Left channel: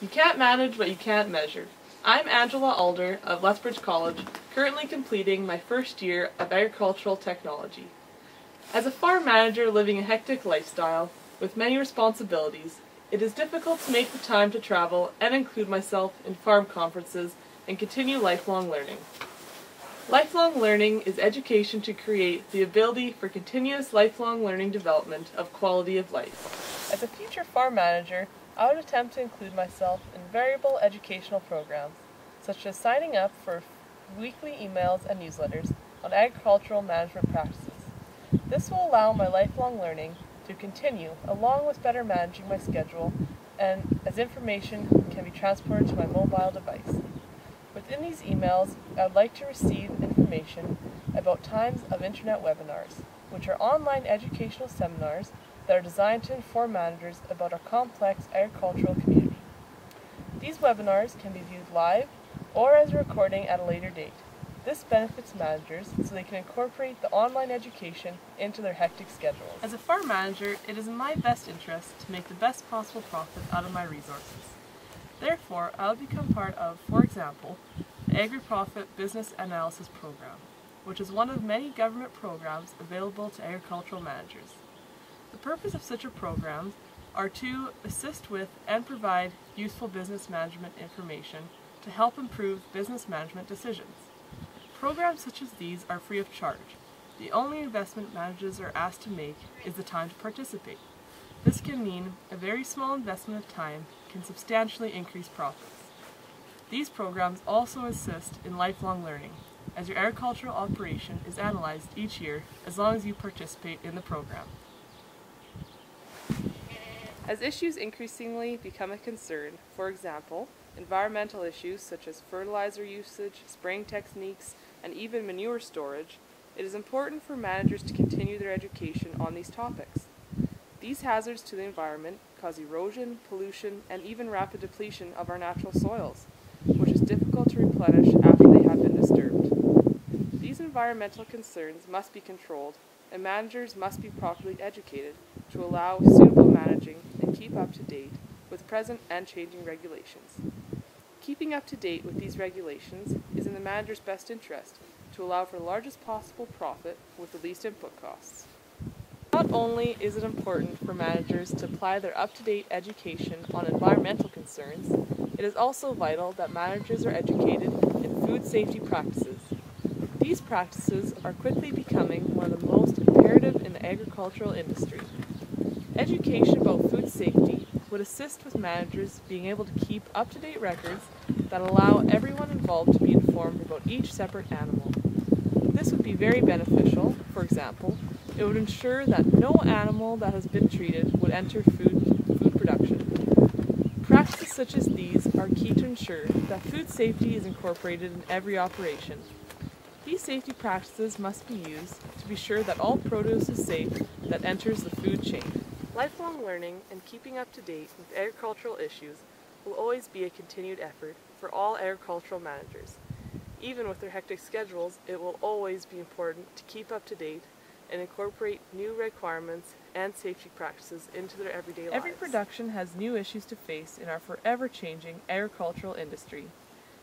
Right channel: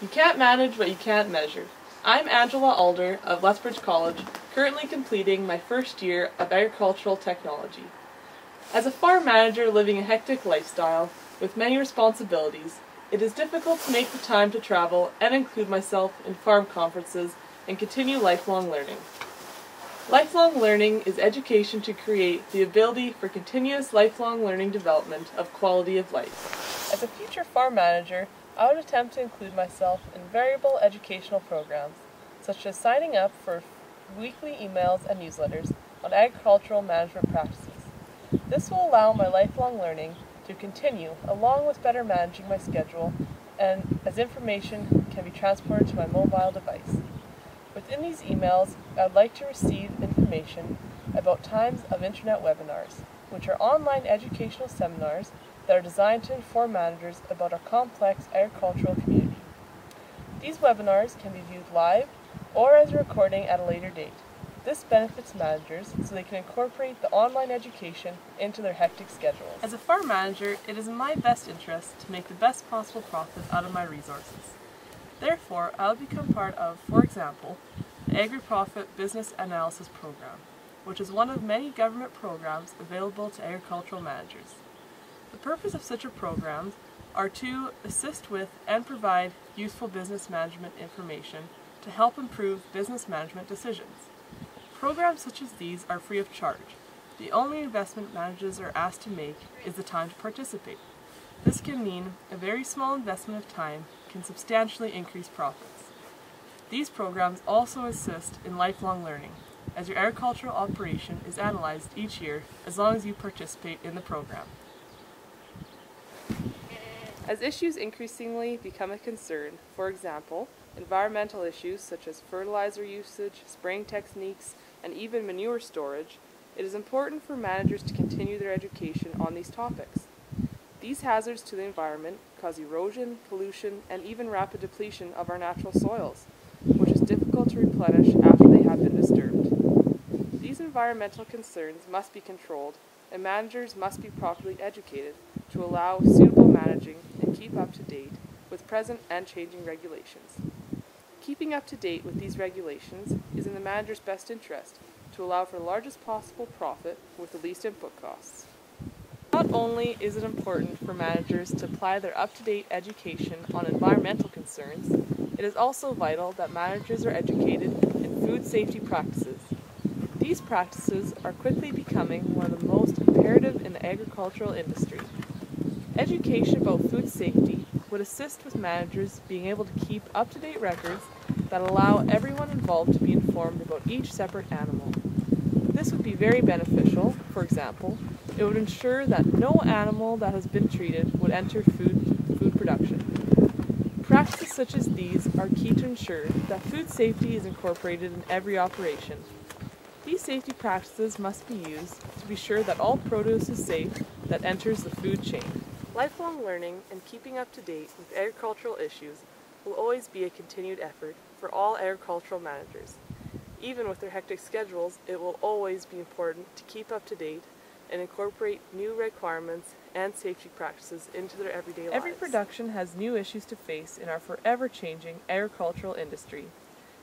You can't manage what you can't measure. I'm Angela Alder of Lethbridge College, currently completing my first year of agricultural technology. As a farm manager living a hectic lifestyle with many responsibilities, it is difficult to make the time to travel and include myself in farm conferences and continue lifelong learning. Lifelong learning is education to create the ability for continuous lifelong learning development of quality of life. As a future farm manager, I would attempt to include myself in variable educational programs, such as signing up for weekly emails and newsletters on agricultural management practices. This will allow my lifelong learning to continue, along with better managing my schedule, and as information can be transported to my mobile device. Within these emails, I would like to receive information about times of internet webinars, which are online educational seminars that are designed to inform managers about our complex agricultural community. These webinars can be viewed live or as a recording at a later date. This benefits managers so they can incorporate the online education into their hectic schedules. As a farm manager, it is in my best interest to make the best possible profit out of my resources. Therefore, I will become part of, for example, the Agri-Profit Business Analysis Program, which is one of many government programs available to agricultural managers. The purpose of such a program are to assist with and provide useful business management information to help improve business management decisions. Programs such as these are free of charge. The only investment managers are asked to make is the time to participate. This can mean a very small investment of time can substantially increase profits. These programs also assist in lifelong learning, as your agricultural operation is analyzed each year as long as you participate in the program. As issues increasingly become a concern, for example, environmental issues such as fertilizer usage, spraying techniques, and even manure storage, it is important for managers to continue their education on these topics. These hazards to the environment cause erosion, pollution, and even rapid depletion of our natural soils, which is difficult to replenish after they have been disturbed. These environmental concerns must be controlled, and managers must be properly educated to allow suitable managing and keep up to date with present and changing regulations. Keeping up to date with these regulations is in the manager's best interest to allow for the largest possible profit with the least input costs. Not only is it important for managers to apply their up-to-date education on environmental concerns, it is also vital that managers are educated in food safety practices. These practices are quickly becoming one of the most imperative in the agricultural industry. Education about food safety would assist with managers being able to keep up-to-date records that allow everyone involved to be informed about each separate animal. This would be very beneficial. For example, it would ensure that no animal that has been treated would enter food production. Practices such as these are key to ensure that food safety is incorporated in every operation. These safety practices must be used to be sure that all produce is safe that enters the food chain. Lifelong learning and keeping up to date with agricultural issues will always be a continued effort for all agricultural managers. Even with their hectic schedules, it will always be important to keep up to date and incorporate new requirements and safety practices into their everyday lives. Every production has new issues to face in our forever changing agricultural industry.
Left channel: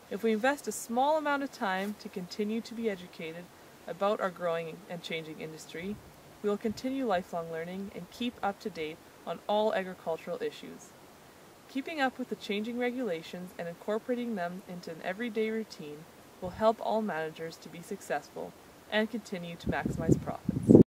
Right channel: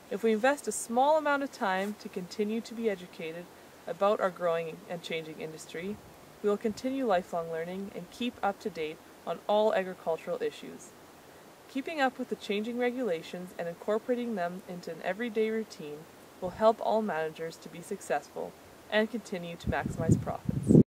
If we invest a small amount of time to continue to be educated about our growing and changing industry, we will continue lifelong learning and keep up to date on all agricultural issues. Keeping up with the changing regulations and incorporating them into an everyday routine will help all managers to be successful and continue to maximize profits.